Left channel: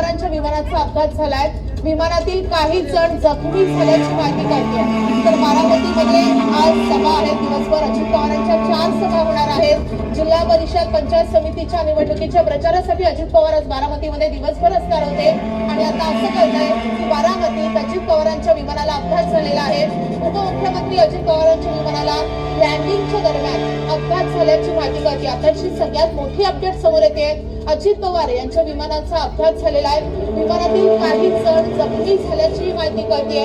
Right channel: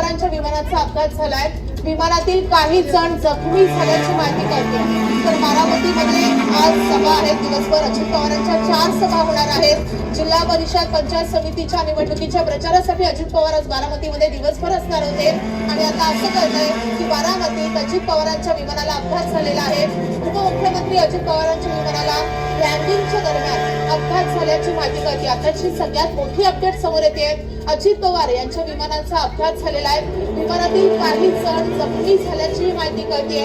पवारांच्या विमानाचा अपघात झालाय. विमानातील काही जण जखमी झाल्याची माहिती कळते. तर बारामतीमध्ये आज सभा आहे. दिवसभर अजित पवारांच्या 4 सभा होणार आहेत. जिल्हा परिषद पंचायत समितीच्या निवडणुकीच्या प्रचारासाठी अजित पवार आज बारामतीमध्ये दिवसभर असणार होते आणि आता असं कळतंय की बारामतीत अजित पवारांच्या विमानाला अपघात झालेला आहे. उपमुख्यमंत्री अजित पवारांच्या विमानाला लँडिंगच्या दरम्यान अपघात झाल्याची माहिती कळते. आताची सगळ्यात मोठी अपडेट समोर येते. अजित पवार यांच्या विमानाचा अपघात झालेला आहे. विमानातील काही जण जखमी झाल्याची माहिती कळते.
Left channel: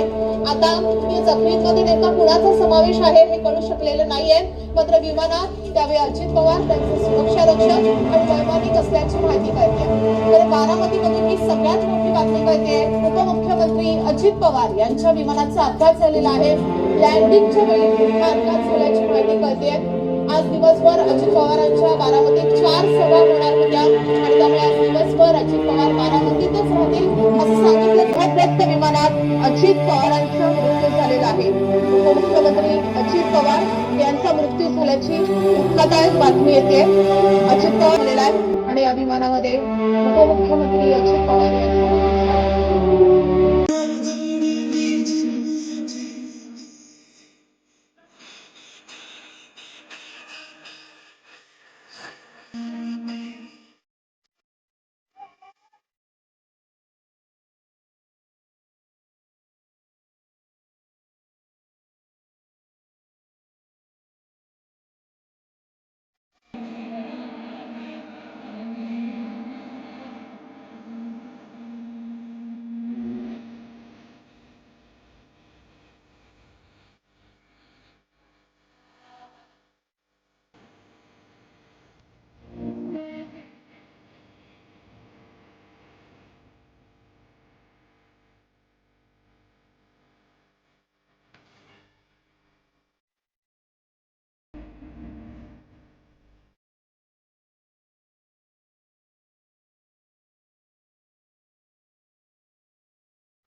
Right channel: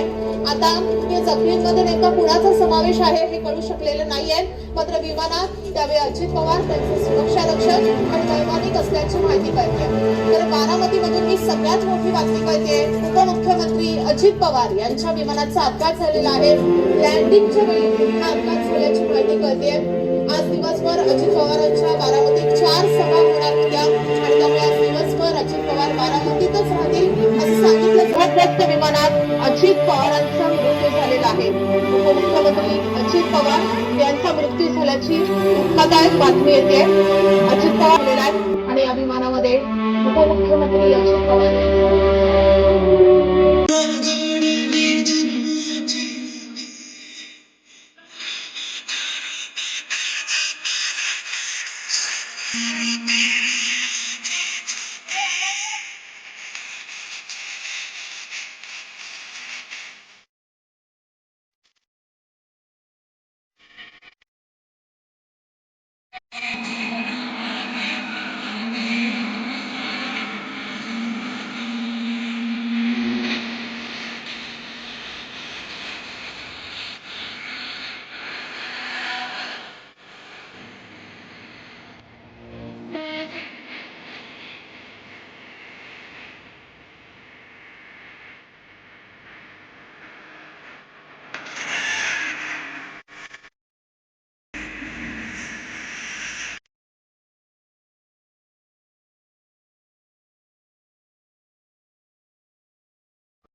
आता या जखमींमध्ये नेमका कुणाचा समावेश आहे हे कळू शकलेलं नाहीये. मात्र विमानात त्यावेळी अजित पवार त्यांचे सुरक्षा रक्षक आणि वैमानिक असल्याची माहिती कळते. तर बारामतीमधून ही सगळ्यात मोठी बातमी कळते. उपमुख्यमंत्री अजित पवार यांच्या विमानाचा अपघात झालेला आहे. लँडिंगच्या वेळी हा अपघात झाल्याची माहिती कळते. आज दिवसभर अजित पवारांच्या बारामतीत 4 सभा होणार होत्या आणि त्यामुळे आज दिवसभर अजित पवार बारामतीतच राहतील असं सांगितलं. व्यक्त विमानात अजित पवारांचा मृत्यू झालेला आहे. उपमुख्यमंत्री अजित पवार यांचा मृत्यू झाल्याची धक्कादायक बातमी येते. अजित पवार झालेला आहे आणि या विमानामध्ये उपमुख्यमंत्री अजित पवार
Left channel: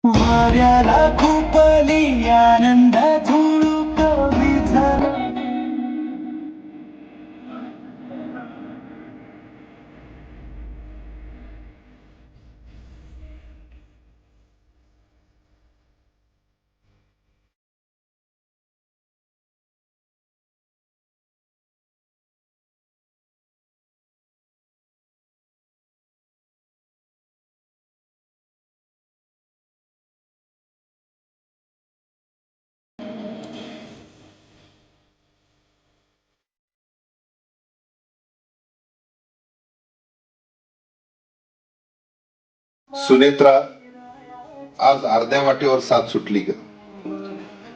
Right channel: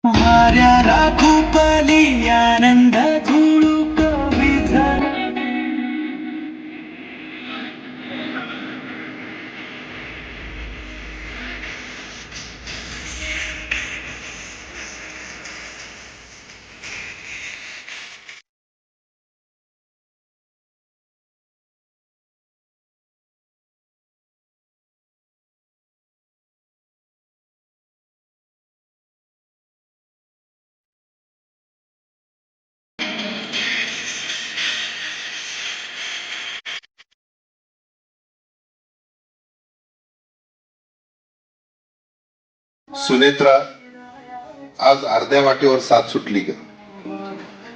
वाऱ्याला खूपली आनंद झुळूक विझ सुनेत्रा, आज अर्ध्या वाटेवर साथ सुटली ग.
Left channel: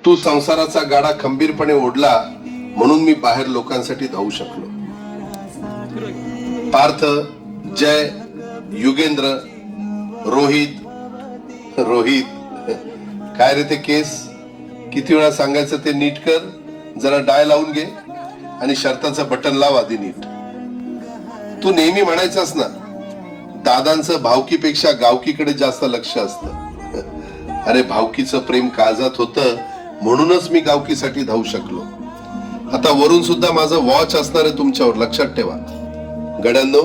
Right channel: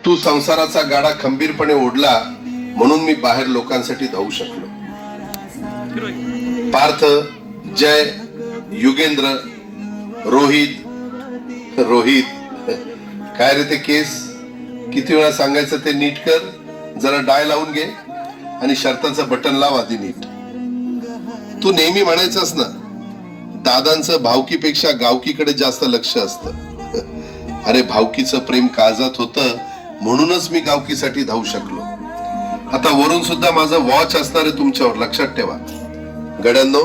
तू संसाराचा गाडा खंबीरपणे ओढला म्हणून मी बाहेर लोकांसाठी धावू शकलो. पार्थ, जय, युगेंद्र, रोहित काय रे ते केस? किती वेळा सांगायचं ते नीट कर, जरा डाय लावून घे आणि शर्टाचं बटन लाव आधी नीट. तू नेहमी म्हणायचंस ना, दादांचं भावकीपेक्षा गावकीकडे जास्त लक्ष असतं. अरे भावकीचं प्रेम काळजात होतं म्हणूनच मी गावकीसाठी धावू शकलो. आता वरून सुद्धा माझं वॉच असणार आहे तुमच्यावर, लक्षात ठेवा. गड्यांनो,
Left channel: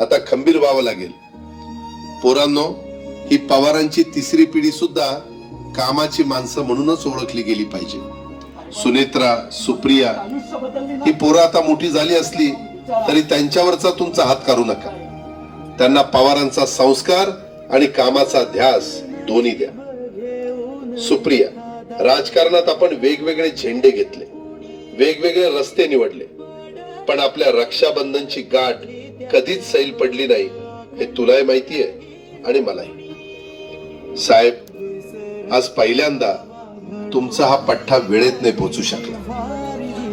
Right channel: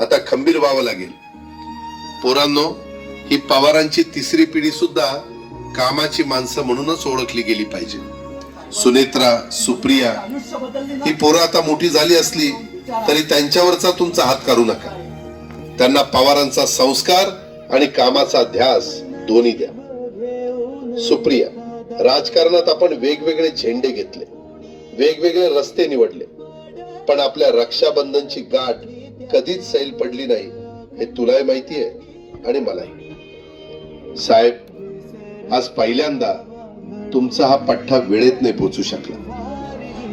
आता खंबीर व्हावं लागेल. पोरांनो, ही पवारांची 3री पिढी सुद्धा कामाची माणसं म्हणूनच ओळखली गेली पाहिजे. सुनेत्रा, सुप्रिया ही पोरं आता मोठी झाली असली तरी त्यांच्यावरचा तुमचा हात काढू नका. त्यांना पवारांचा संस्कार आणि कामाचा ध्यास दोन्ही द्या. सुप्रिया, राजकारणात आपण वेगवेगळे झेंडे घेतले, वेगवेगळे रस्ते निवडले, पण आपल्या रक्षाबंधनची गाठ कधीच सैल पडली नाही हे तुलाही माहिती आहे आणि मलाही. साहेब, आज पहिल्यांदा तुमचा हा पठ्ठा वेळेत नाही पोहोचू शकला.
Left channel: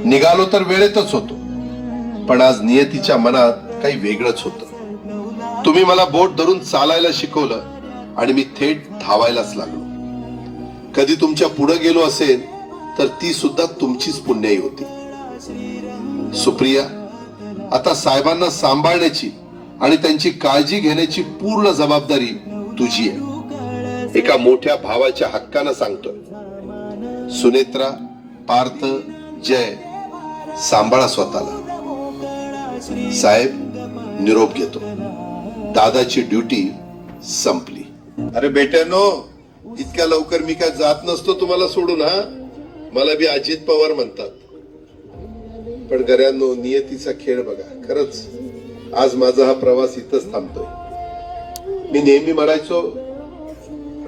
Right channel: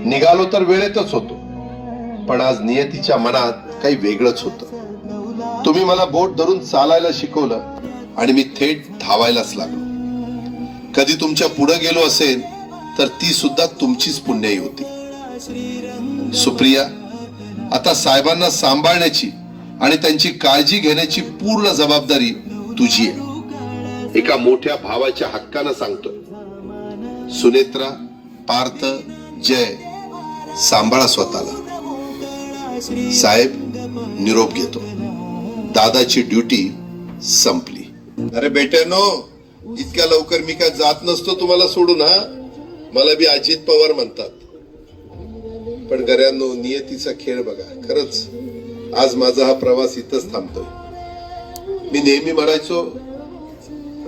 निघालो तर वेळेतच होतो, पण आज नियतीच्या मनात काही वेगळंच होतं. तुम्ही मला बोट धरून चालायला शिकवलं आणि मी थेट धावायलाच लागलो. कधी तुमच्या पुढे गेलो असेल तर ती सुद्धा तुमचीच पुण्याई होती. सुप्रिया, आता साहेबांना सांभाळण्याची आणि त्यांची काळजी घेण्याची पूर्ण जबाबदारी तुझी आहे. एका मोठ्या भावाच्या हक्कानं सांगतोय. सुनेत्रा, पार्थ, जय, सांभाळा स्वतःला. साहेब, निरोप घेतो. दादाची ड्युटी संपली. अरे बेट्यानो, इतक्या लवकर मी काय जात नसतो तुम्हाला सोडून. हा, मला बी अजित पवार म्हणतात. पण घरांनो, नियतीचा खेळ बघा. खरंच आज माझा हा प्रवास इथंच थांबतोय. मी नेहमी म्हणायचो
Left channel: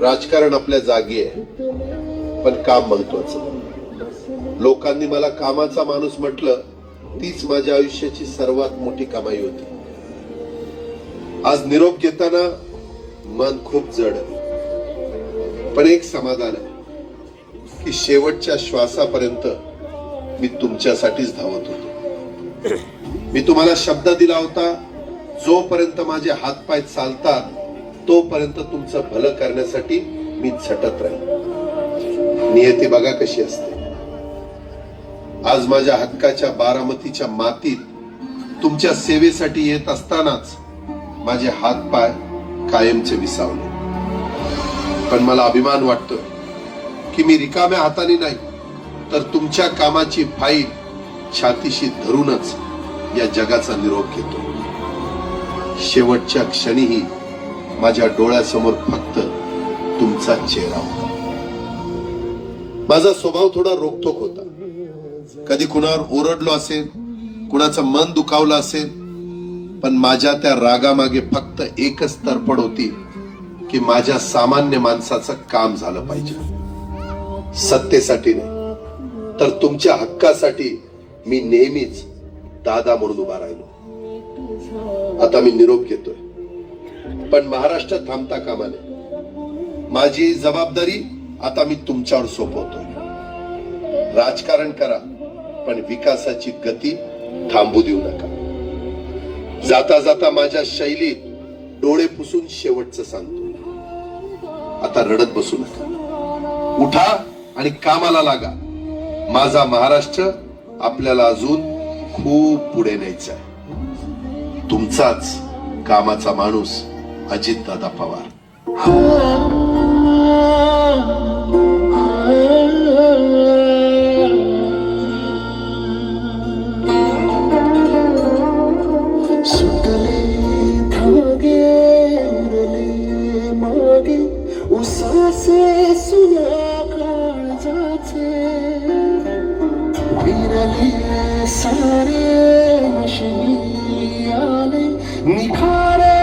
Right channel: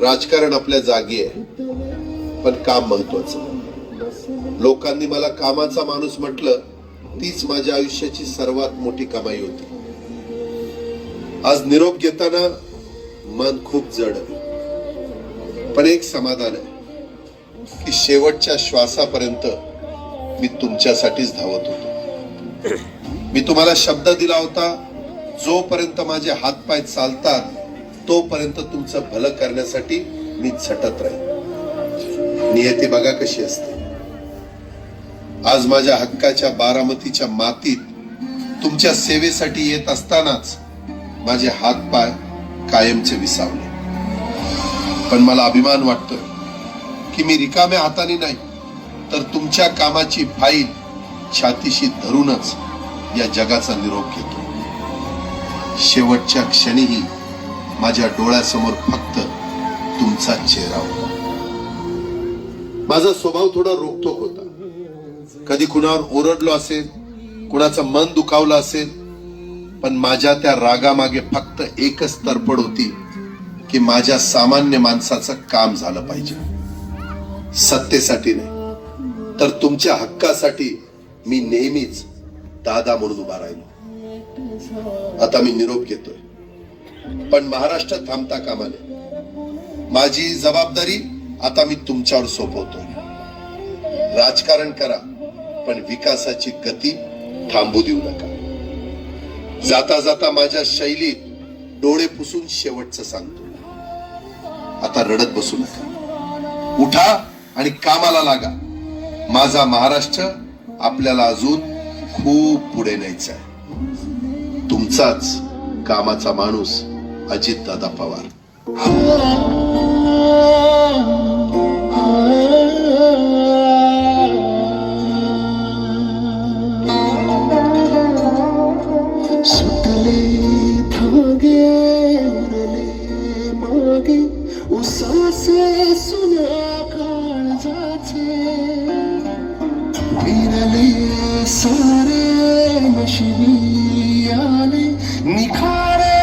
राजकारण आपल्या जागी आहे, पण काम महत्वाचं. लोकांनी मला कामाचा माणूस म्हटलं, तीच माझ्या आयुष्याची सर्वात मोठी कमाई होती. आज निरोप घेताना मन खूप जड आहे, पण एक समाधान आहे की शेवटच्या श्वासापर्यंत मी तुमच्यासाठीच धावत होतो. मी तुम्हाला शब्द दिला होता, जोपर्यंत माझे हातपाय चालतात तोपर्यंत तुमचं भलं करण्यासाठी मी झटत राहील. नियती बघा कशी असते. आज माझ्या हक्काच्या बारामतीच्या मातीत तुमच्या सेवेसाठी येत असतानाच माझे हातपाय कायमचे विसावले. पण मला अभिमान वाटतोय की मी रिकाम्या हाताने नाही, तर तुमच्या कामाची फाईल छातीशी धरूनच या जगाचा निरोप घेतो. शेवटच्या क्षणीही माझ्या डोळ्यासमोर फक्त तुमचा चेहरा होता. माझा स्वभाव थोडा रोखठोक होता. कधी कुणावर ओरडलो असेल, कुणाचं मन दुखावलं असेल, पण माझ्या त्या रागामागे फक्त एकच तरफड होती की माझ्या सामान्य माणसाचं काम झालं पाहिजे. सत्तेसाठी नाही, तर तुमच्या हक्कासाठी मी नेहमीच दादा म्हणून उभा राहिलो. आता मी निरोप घेतोय, पण महाराष्ट्र थांबता कामा नये. माझी जबाबदारी आता मी तुमच्यावर सोपवतोय. राजकारण करा, पण विकासाची गती थांबू देऊ नका. जाता जाता माझ्या शैलीत डोळे पुसून शेवटचं सांगतो, आता रडत बसू नका. उठा आणि कामाला लागा. माझा महाराष्ट्र आपल्याला अजून खूप पुढे न्यायचा आहे. तुमचाच कामाचा माणूस अजितदादा पवार. सुटले धागे उरले मागे उसासे सुना काळजाचे विरले सारे नशिनी आले निखारे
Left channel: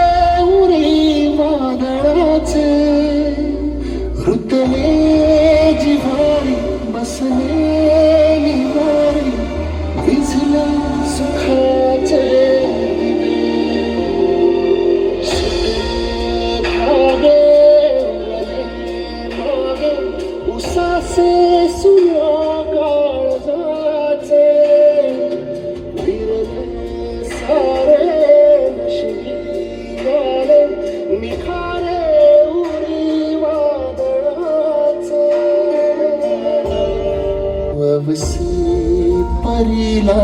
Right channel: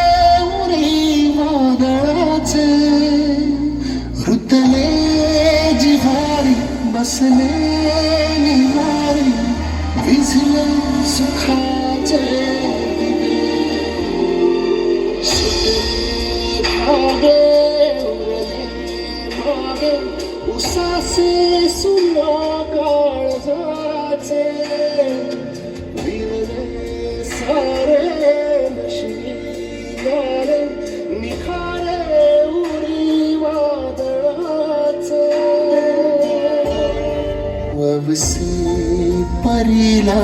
उरी वादळाचे रुतले जिव्हारी बसले निवारी विझले सुखाचे उसासे सुना काळजाचे विरले सारे नशिनी आले निखारे उरी वादळाचे ववसे परीला